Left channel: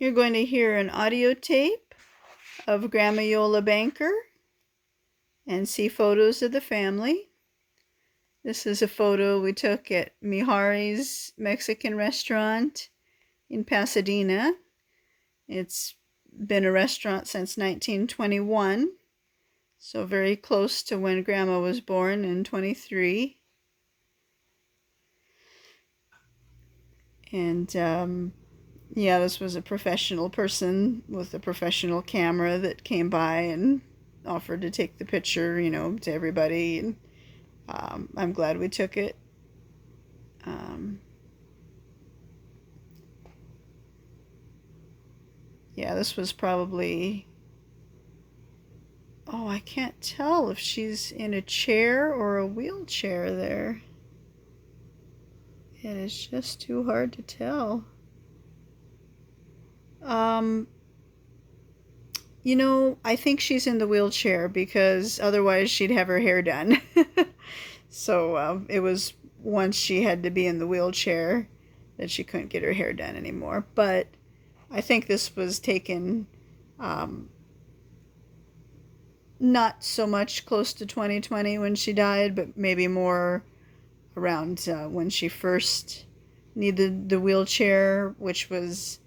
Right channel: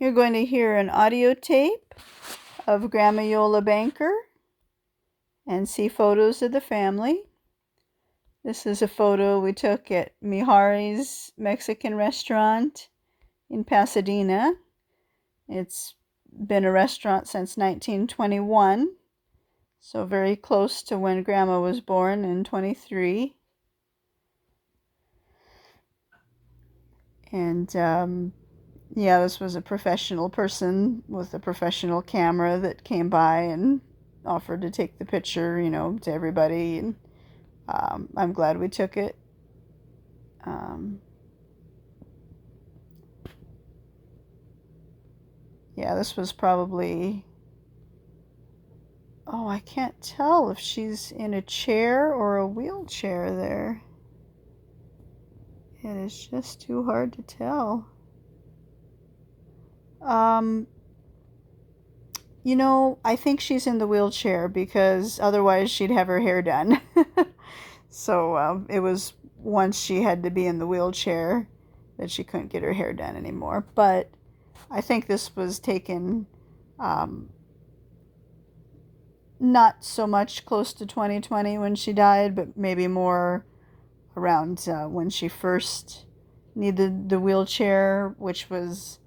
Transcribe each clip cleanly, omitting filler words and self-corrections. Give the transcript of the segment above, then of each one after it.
You're going to hear an audio tape of Grandma Iole Banker and see photos of the family. This is a photo we took at Mihari's Mexican restaurant in Pasadena. It's been a restaurant since 1921, so very close to when Grandma was born in 23. And yeah, this was a professional person with a professional camera that came by and offered to take the picture, to everybody. And I'm glad we took it. Yeah, this was probably, I can't tell if she's in a chair or a wheelchair there. It is just too hard to tell. I think she's in the wheelchair because otherwise she'd have her hair done. So it was once she had to be in the wheelchair that she couldn't get her hair done anymore. But I think this was taken not so much close to 2020 when she died, but maybe more around when she first needed the wheelchair, which was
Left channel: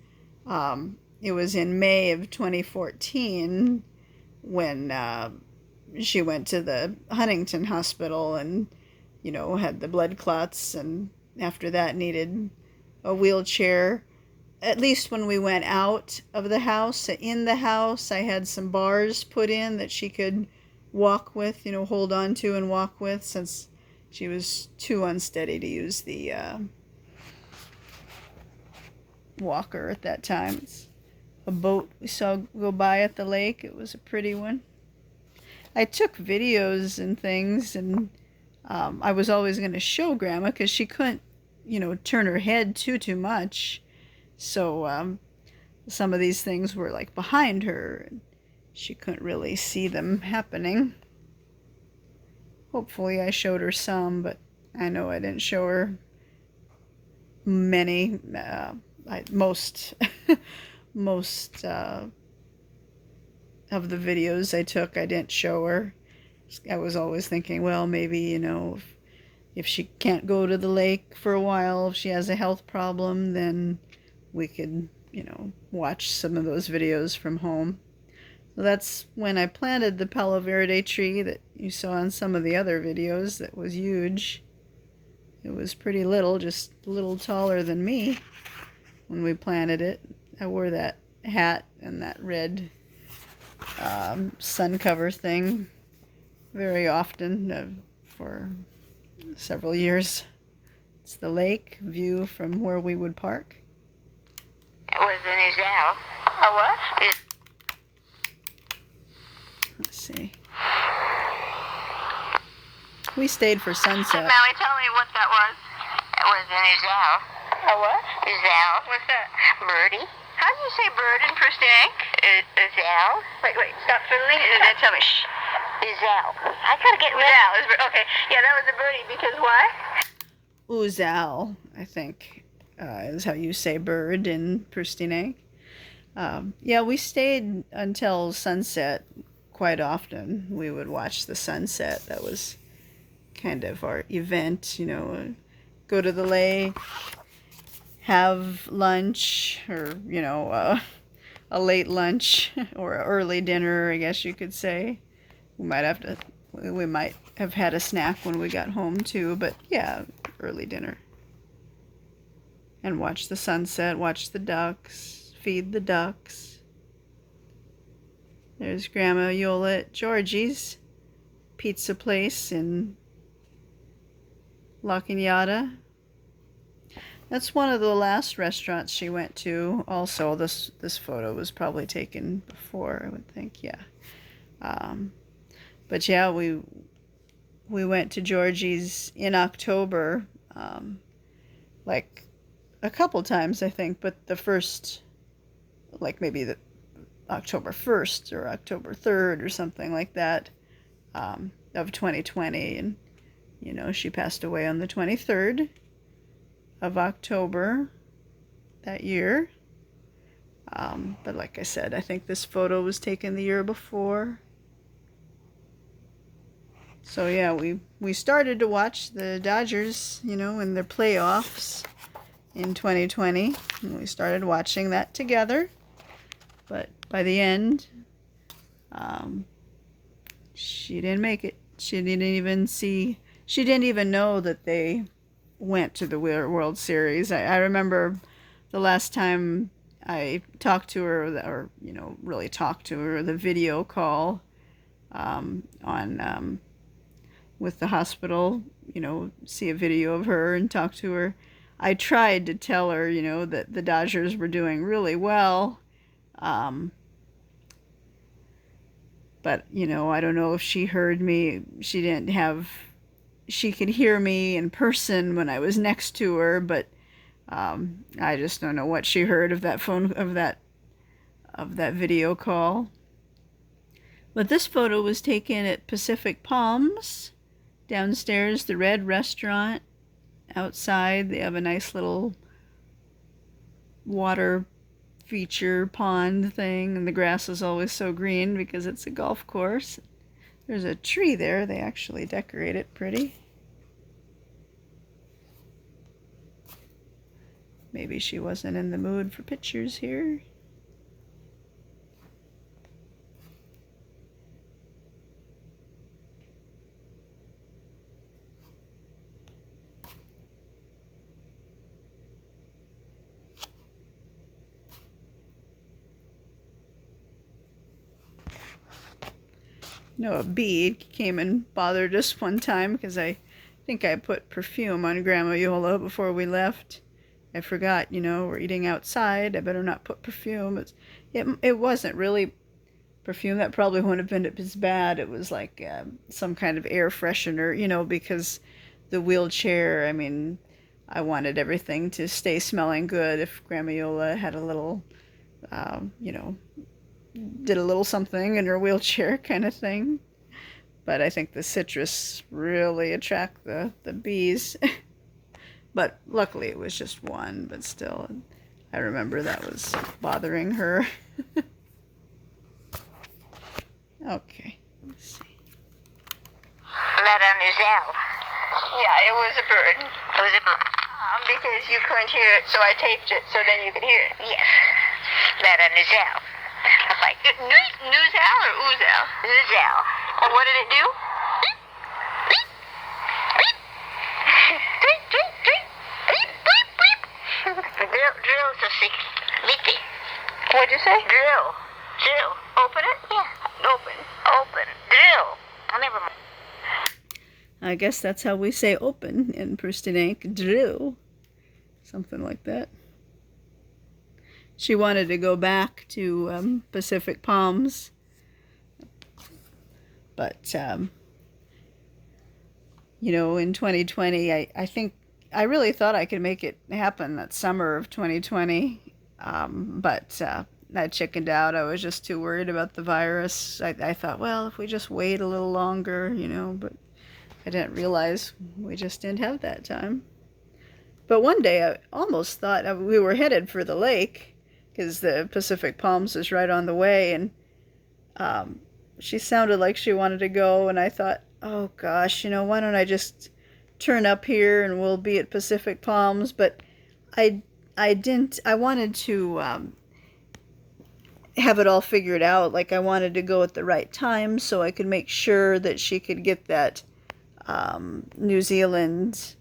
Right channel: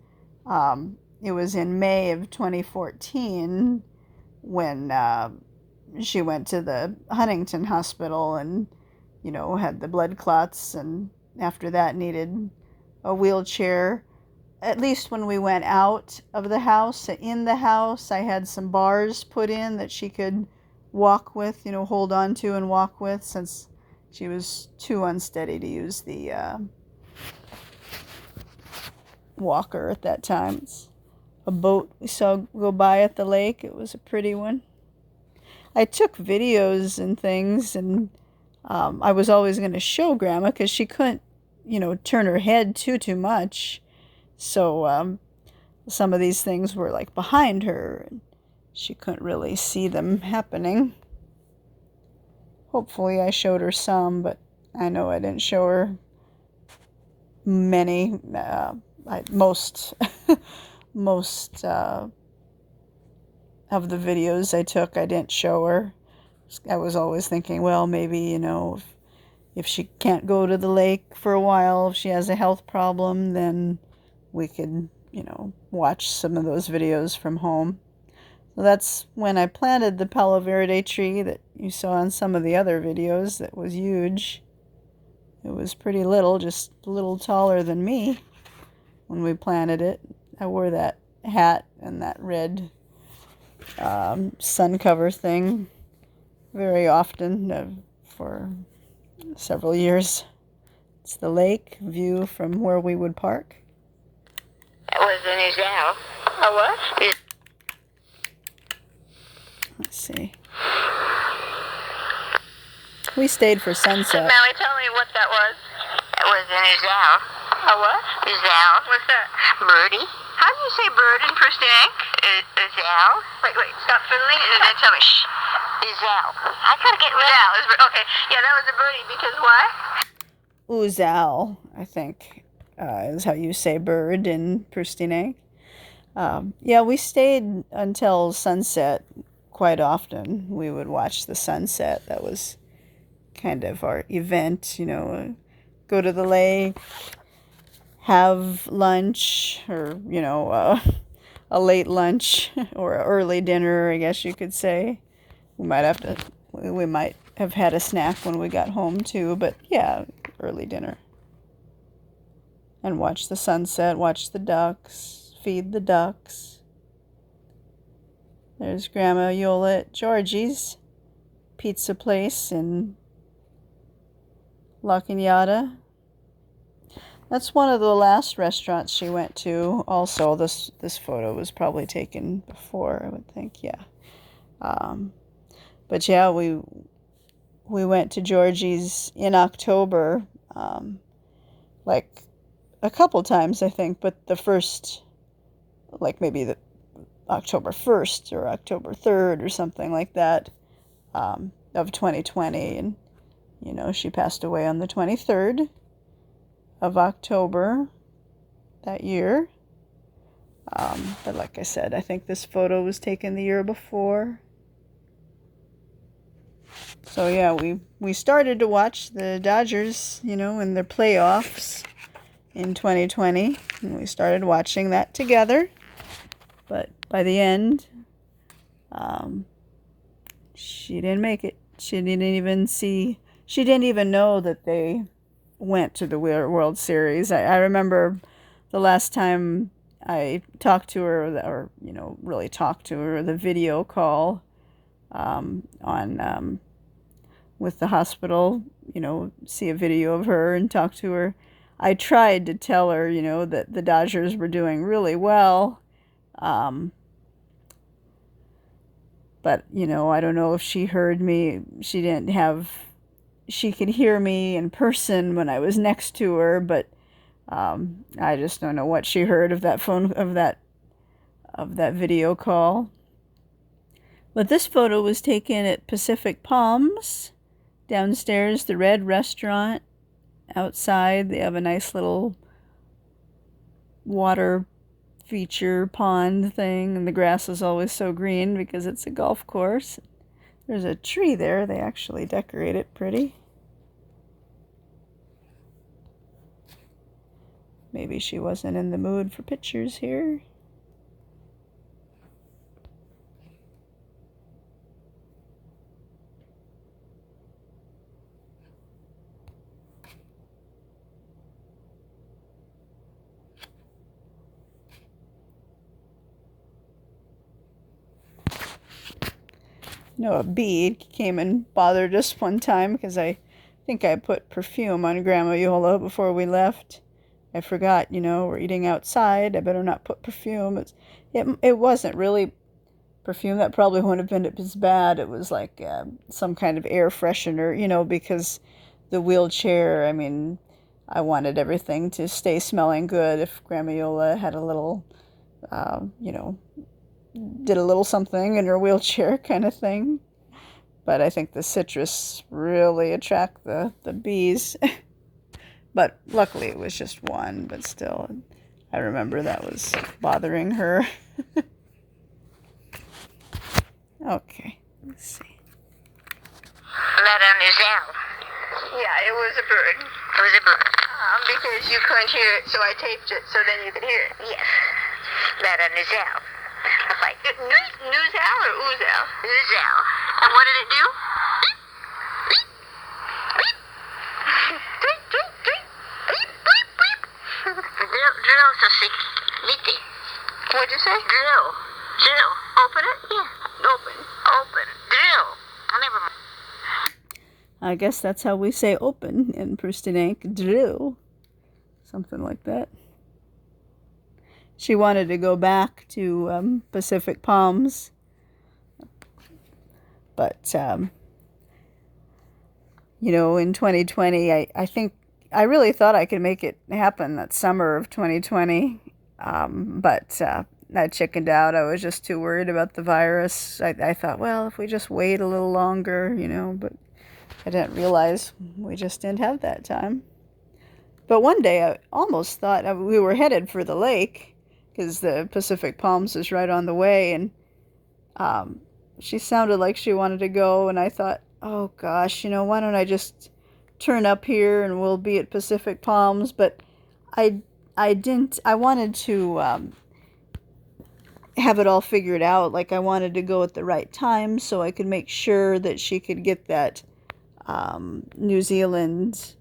it was in May of 2014 when she went to the Huntington Hospital and, had the blood clots, and after that needed a wheelchair. At least when we went out of the house, in the house, I had some bars put in that she could walk with, hold on to and walk with, since she was too unsteady to use the walker at that time. It's a boat we saw go by at the lake. It was a pretty one. I took videos and things, and I was always going to show Grandma because she couldn't, turn her head too much. So some of these things were like behind her, and she couldn't really see them happening. Hopefully I showed her some, but I know I didn't show her many. Most of the videos I took, I didn't show her. I was always thinking, well, maybe, if she can't go to the lake for a while, if she has a health problem, then we could, watch some of those videos from home. So that's when I planted the Palo Verde tree that you saw in some of the other videos. That was huge. It was pretty little, just a little taller than me when we planted it. I wore that hat and that red sun cover thing very often for several years. It's the lake view from where we would park. It was in Iole. Oh, what? Let's see. We stayed for sunset. Molly, tell me what that was. It was in Iole. Oh, what? Iole. What's that? Birdie. How do you say bird in Prustinench? Iole. Wait, stop fiddling and then tell me. Shh. Iole. I gotta get Iole. Okay, yeah, that was a birdie because why? Uzal, I think, is how you say bird in Prustinench. Yeah, we stayed until sunset quite often. We would watch the sunset. That was kind of our event, go to the lake, have lunch, or, a late lunch or an early dinner, I guess you could say. We might have had a snack when we got home too, but yeah, early dinner. And watch the sunset, watch the ducks, feed the ducks. There's Grandma Iole at Georgie's pizza place in La Cañada. That's one of the last restaurants she went to. Also, this photo was probably taken before, I would think, yeah. But yeah, we went to Georgie's in October, like a couple times, I think, but the first, like maybe the October 1st or October 3rd or something like that, of 2020. And, she passed away on the 23rd of October that year. But like I said, I think this photo was taken the year before. So yeah, we started to watch the Dodgers, in their playoffs in 2020. And we started watching that together. But by the end, she didn't make it. She didn't even know that they went to the World Series. I remember the last time I talked to her, or really talked to her, the video call on with the hospital, see a video of her and talk to her. I tried to tell her, that the Dodgers were doing really well. But, I don't know if she heard me. She could hear me in person when I was next to her, but I just don't know what she heard of that video call. But this photo was taken at Pacific Palms, downstairs, the Red Restaurant. Outside, they have a nice little water feature pond thing, and the grass is always so green because it's a golf course. There's a tree there. They actually decorate it pretty. Maybe she wasn't in the mood for pictures here. A bee came and bothered us one time because I think I put perfume on Grandma Iole before we left. I forgot, we're eating outside. I better not put perfume. It wasn't really perfume. That probably wouldn't have been as bad. It was like some kind of air freshener, because the wheelchair, I wanted everything to stay smelling good. If Grandma Iole had a little, did a little something in her wheelchair kind of thing. But I think the citrus really attract the bees. But luckily it was just one, but still, I remember that was bothering her. Okay, let's see. Mademoiselle. Yeah, it was a bird. It was a bird. Because you couldn't hear it, so I taped it so then you could hear it. Yes. Mademoiselle. Like, Nuzelle or Oozelle? Nuzelle. And what did it do? Beep. Beep. Beep. Beep, beep, beep. Beep, beep, beep. Drill, so see. Beep. What'd you say? Drill. Drill. Open it? Yeah. Open. Drill. Never mind. I guess that's how we say open in Prustinench. Drill. Something like that. She wanted to go back to Pacific Palms. But, in 2020, I think I really thought I could make it happen that summer of 2020. But I chickened out. I was just too worried about the virus. I thought, well, if we just wait a little longer, but I didn't realize we just didn't have that time. But one day I almost thought we were headed for the lake because the Pacific Palms is right on the way, and she sounded like she wanted to go, and I thought, oh gosh, why don't I just turn up here and we'll be at Pacific Palms? But I didn't. I wanted to have it all figured out. Like, I wanted to go at the right time so I could make sure that she could get that New Zealand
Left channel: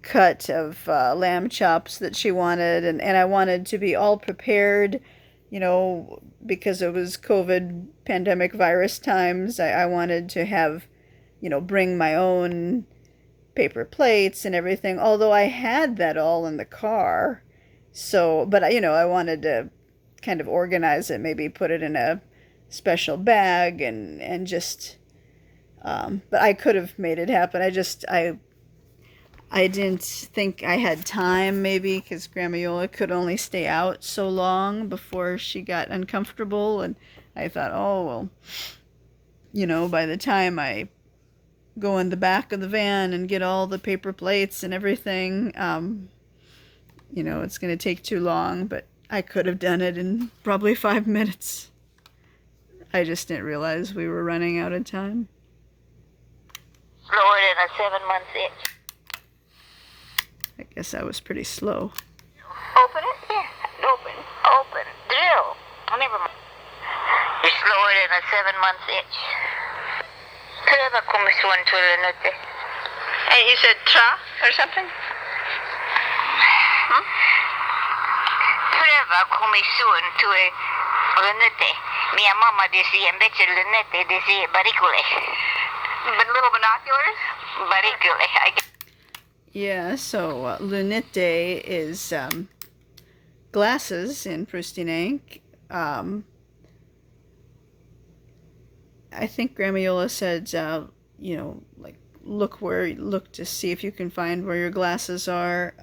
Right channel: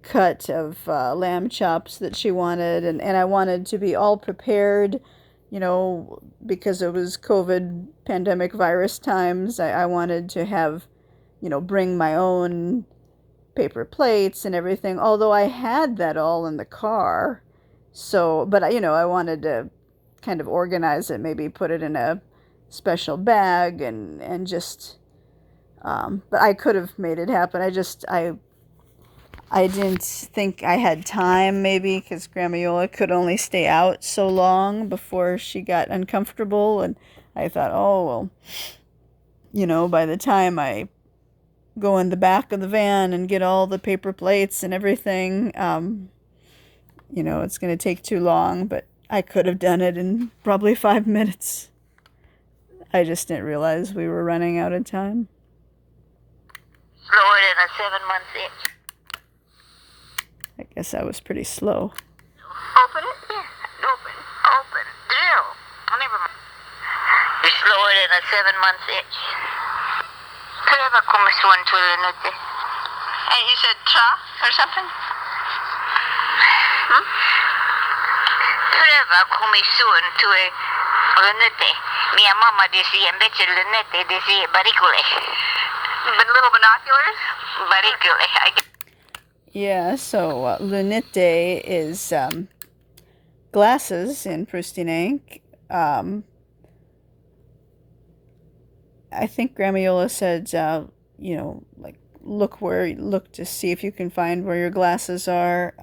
cut of lamb chops that she wanted, and I wanted to be all prepared, because it was COVID pandemic virus times. I wanted to have, bring my own paper plates and everything, although I had that all in the car. So, but I wanted to kind of organize it, maybe put it in a special bag and just but I could have made it happen. I didn't think I had time, maybe, because Grandma Iole could only stay out so long before she got uncomfortable. And I thought, oh, well, by the time I go in the back of the van and get all the paper plates and everything, it's going to take too long. But I could have done it in probably 5 minutes. I just didn't realize we were running out of time. Slower than a 7-month itch. I guess I was pretty slow. Open it? Yeah. Open. Open. Drill. Oh, never mind. You're slower than a 7-month itch. Pröva komma son till en ute. And you said tra or something? Hmm? Pröva komma son till en ute. Mia mamma dice invece lunette dice baricole. But little binoculars? Baricole. Yeah, so lunette is glasses in Prustinench. I think Grandma Iole said, like look to see if you can find where your glasses are.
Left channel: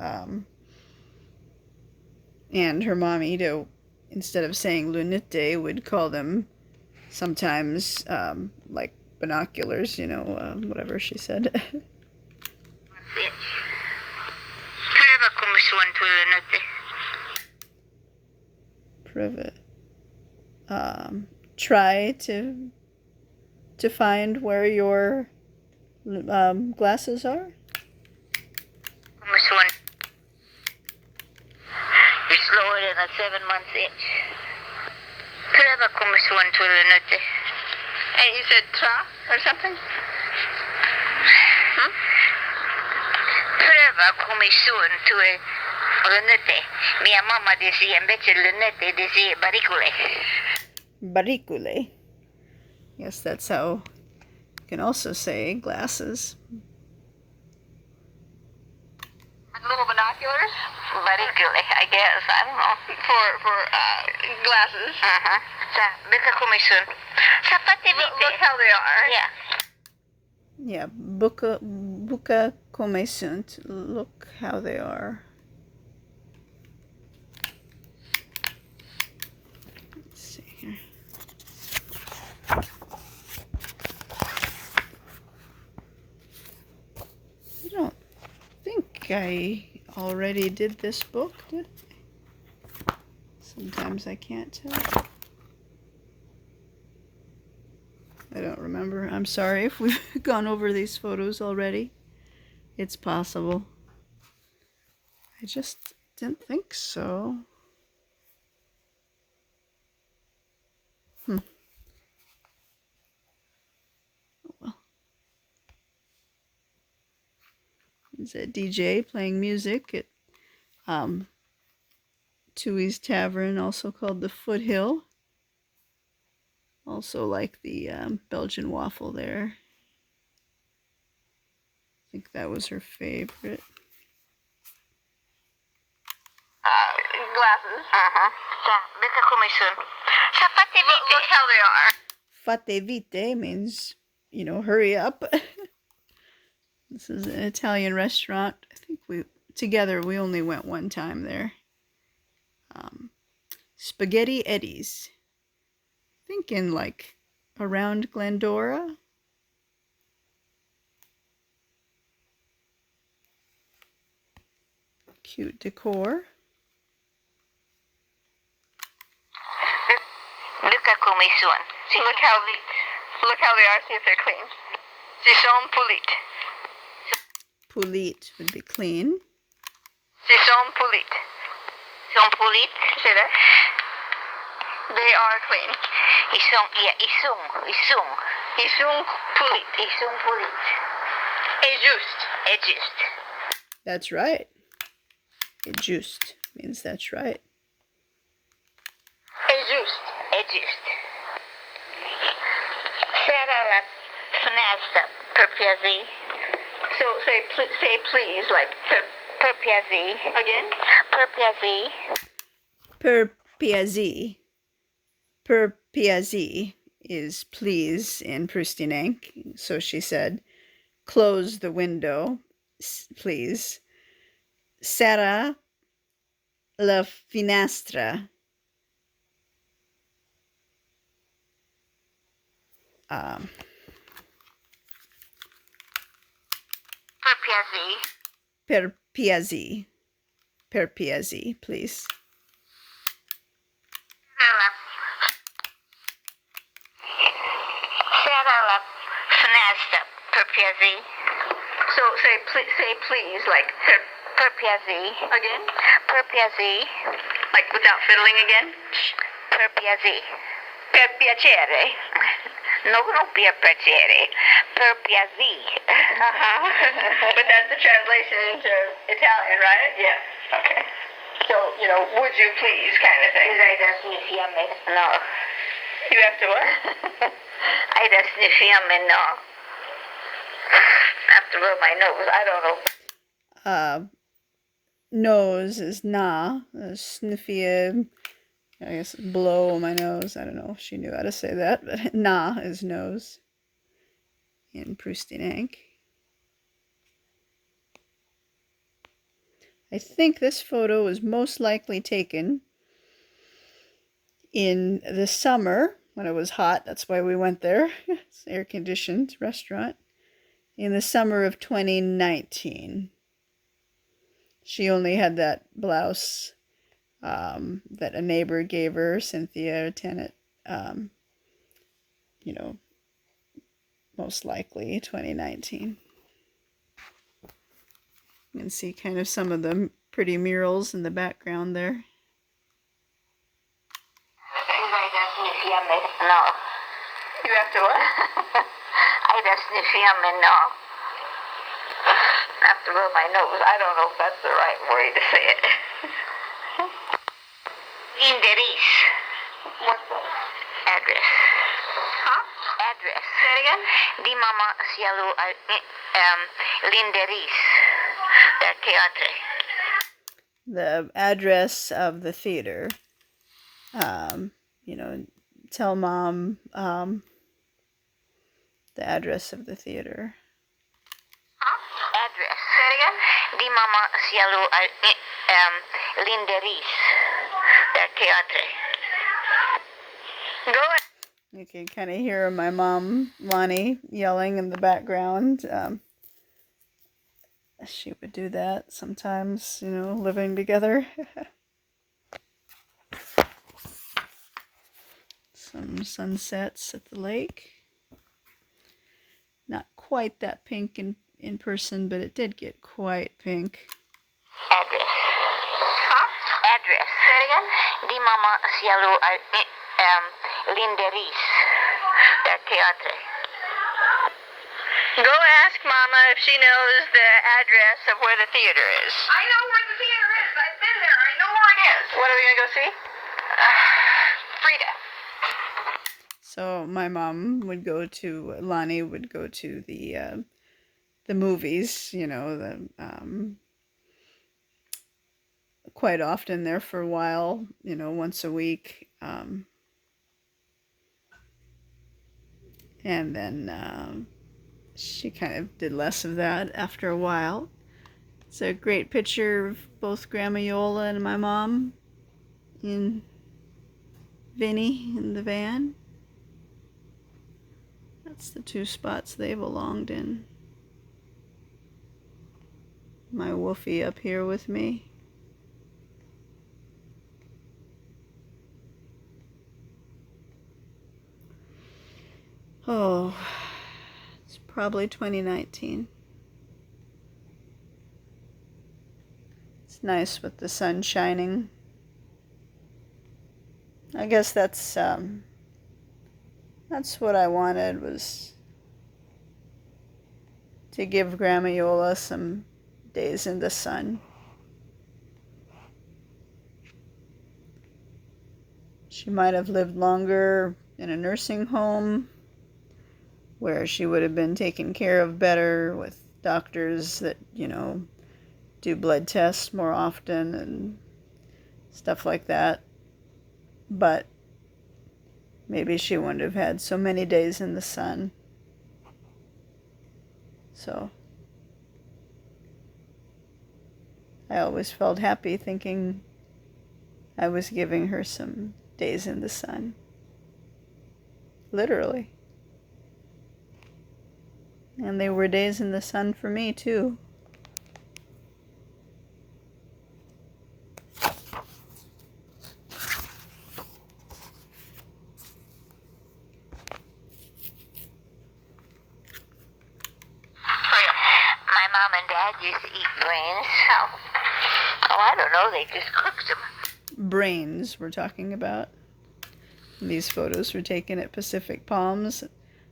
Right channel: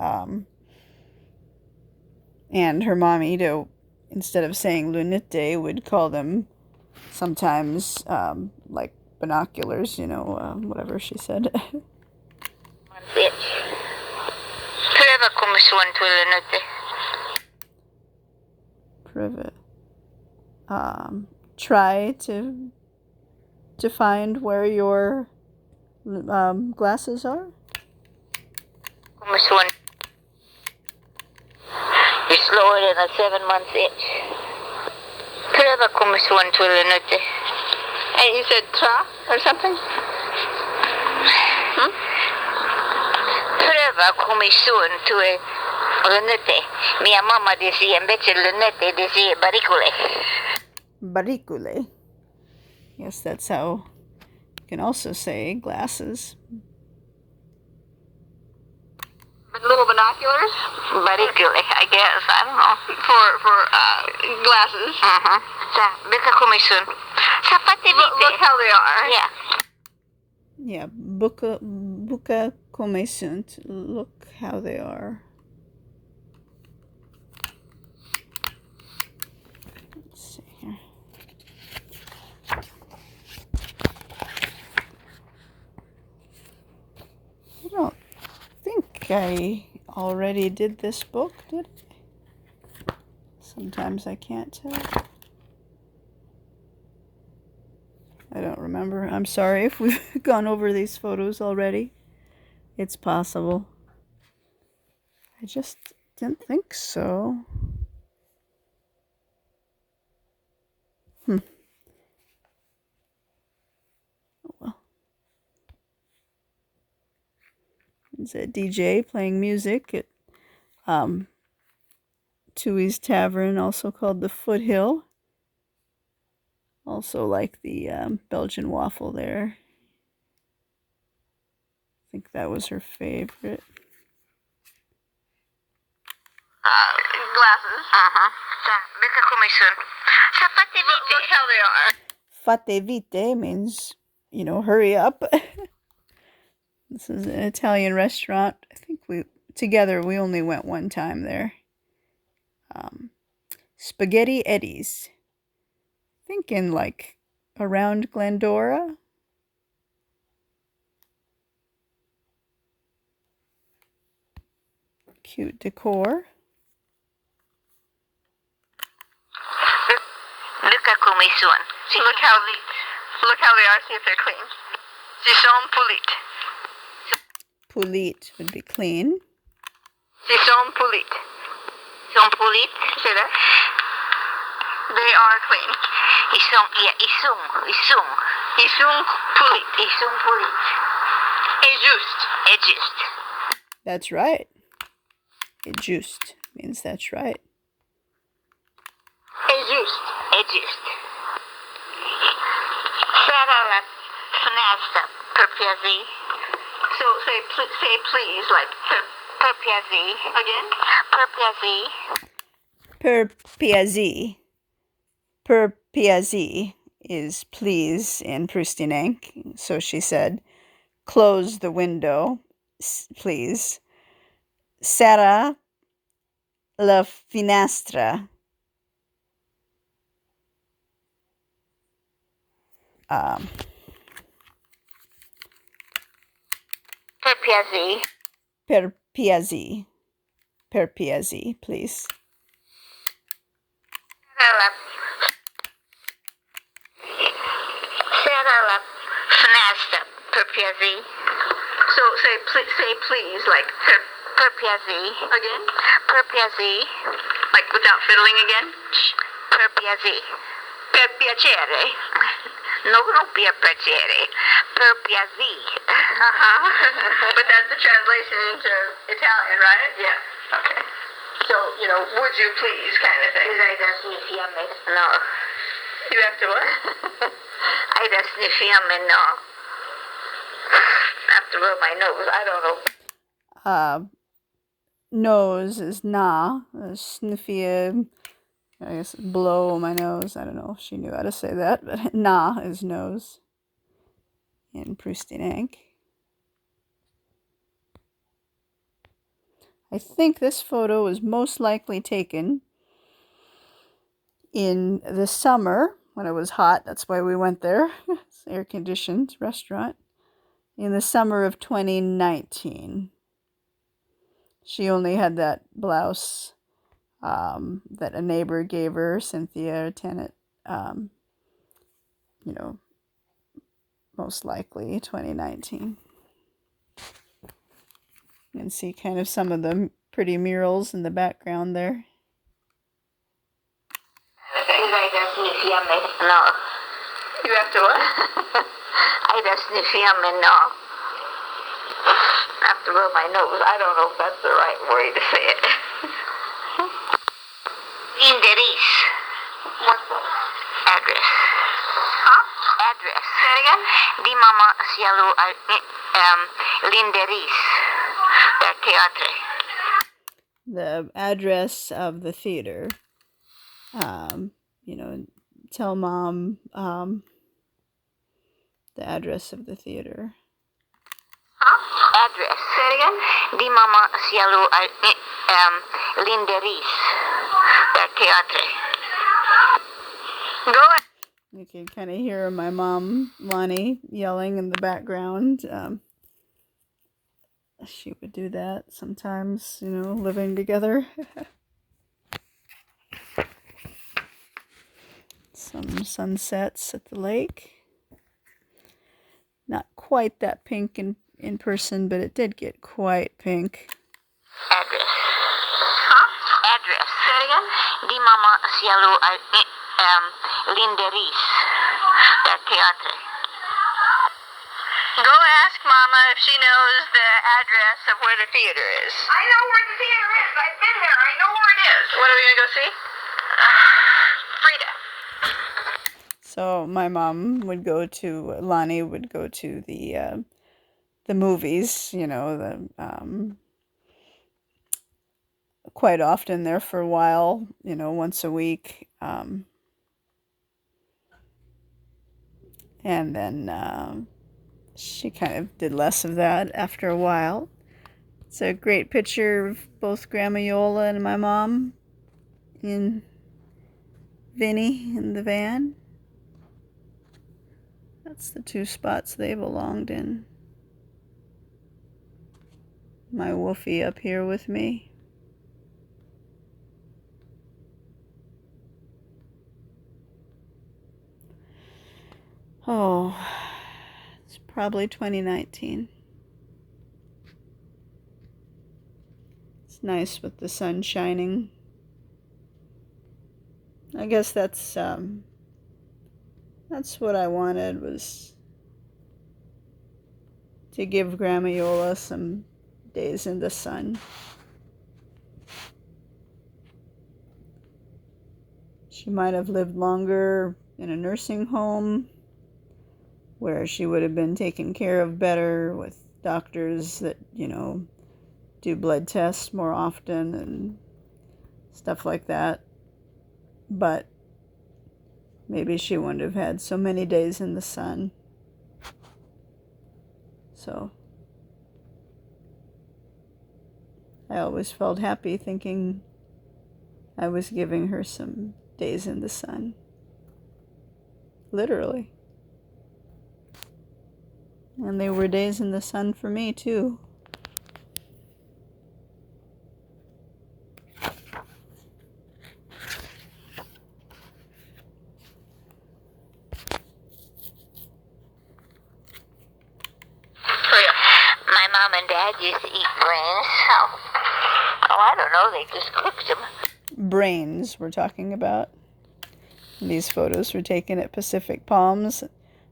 And her mom, instead of saying lunette, would call them sometimes like binoculars, whatever she said. Privet. Try to find where your glasses are. You're slower than a 7-month itch. Pröva komma son till en ute. And you said tra or something? Hmm? Pröva komma son till en ute. Mia mamma dice invece lunette dice baricole. Baricole. Yes, that's how you can also say glasses. Little binoculars? Baricole, I guess. I don't know. For glasses. Uh-huh. Look how they are. Yeah. Yeah, buca come sunt. Look how they are. Let's see here. I don't think I already did this book, did I? Sometimes I can't tell. I don't remember. I'm sorry if we've gone over these photos already. It's possible. I just didn't think so. Oh well. It's a DJ playing music at Tui's Tavern, also called the Foothill. Also like the Belgian waffle there. I think that was her favorite. Glasses. Uh-huh. Look how they are. Fate vite means, hurry up. This is an Italian restaurant. I think we only went one time there. Spaghetti Eddie's. I think in around Glendora. Cute decor. Look how they are. See if they're clean. Sie sont pulit. Pulit would be clean. Sie sont pulit. Sont pulit. Say that. They are clean. Ils sont pulit. Ils sont pulit. Et juste. That's right. Et juste means that's right. Et juste. Serra la finestra per piacere. So say please, like per piacere. Again? Per piacere. Per piazzi. Per piazzi is please in Prustinench. So she said, close the window, please. Serra la finestra. Per piacere. Per piazzi. Per piazzi, please. Saralap, Fnasta, Perpiazi. So say please, like Perpiazi. Again? Perpiazi. Like without fiddling again? Perpiazi. Per piacere. No, per piacere. Per piazi. But that's the translation into Italian, right? Yeah. Okay. So, would you please kind of thing. No. You have to what? I just sniff and no. I have to rub my nose. I don't know. Nose is na. Sniffy, I guess blow my nose. I don't know if she knew how to say that, but na is nose in Prustinench. I think this photo was most likely taken in the summer when it was hot. That's why we went there. It's an air-conditioned restaurant. In the summer of 2019. She only had that blouse that a neighbor gave her, Cynthia, a tenant, most likely 2019. You can see kind of some of the pretty murals in the background there. No. You have to what? I just sniff and no. I have to rub my nose. I don't know if that's the right way to say it. Indiris. What's that? Address. Huh? Address. Say it again? Di mama sialu linderis. Der teatre. The address of the theater. Tell mom the address of the theater. Address. Say it again? Di mama sialu linderis. Der teatre. Go ahead. You can kind of hear my mom, Lonnie, yelling in the background. She would do that sometimes, living together. Some sunsets at the lake. Not quite that pink in person, but it did get quite pink. Address. Huh? Address. Say it again? Di mama sialu linderis. Der teatre. Go ask Mama if she knows the address of where the theater is. I know where the theater is. I've been there. I know where it is. What are we going to go see? Frida. So my mom would go to, Lonnie would go to the movies, quite often there for a while, once a week. And then she kind of did less of that after a while. It's a great picture of both Grandma Iole and my mom in Vinny in the van. That's the two spots they belonged in. My Wolfie up here with me. Oh, it's probably 2019. It's nice with the sun shining. I guess that's what I wanted, was to give Grandma Iole some days in the sun. She might have lived longer in a nursing home where she would have been taken care of better with doctors that, do blood tests more often and stuff like that. But maybe she wouldn't have had so many days in the sun. So I always felt happy thinking I was giving her some days in the sun. Literally. And they were days in the sun for me, too. Dad used to eat brains. How? Oh, I don't know. They just cooked them. Brains we're talking about. These photos were taken at Pacific Palms.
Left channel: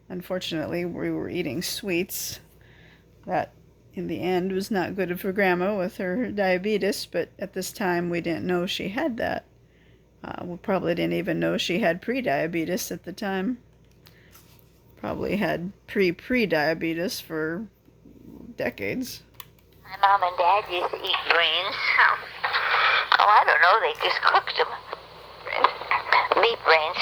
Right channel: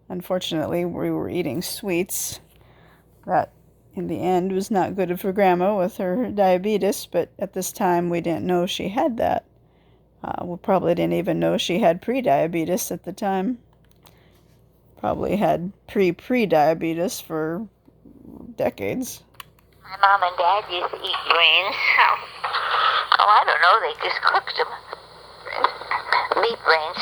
Unfortunately, we were eating sweets. That, in the end, was not good for Grandma with her diabetes, but at this time we didn't know she had that. We probably didn't even know she had pre-diabetes at the time. Probably had pre-diabetes for decades. My mom and Dad used to eat brains. How? Oh, I don't know. They just cooked them. Meat brains.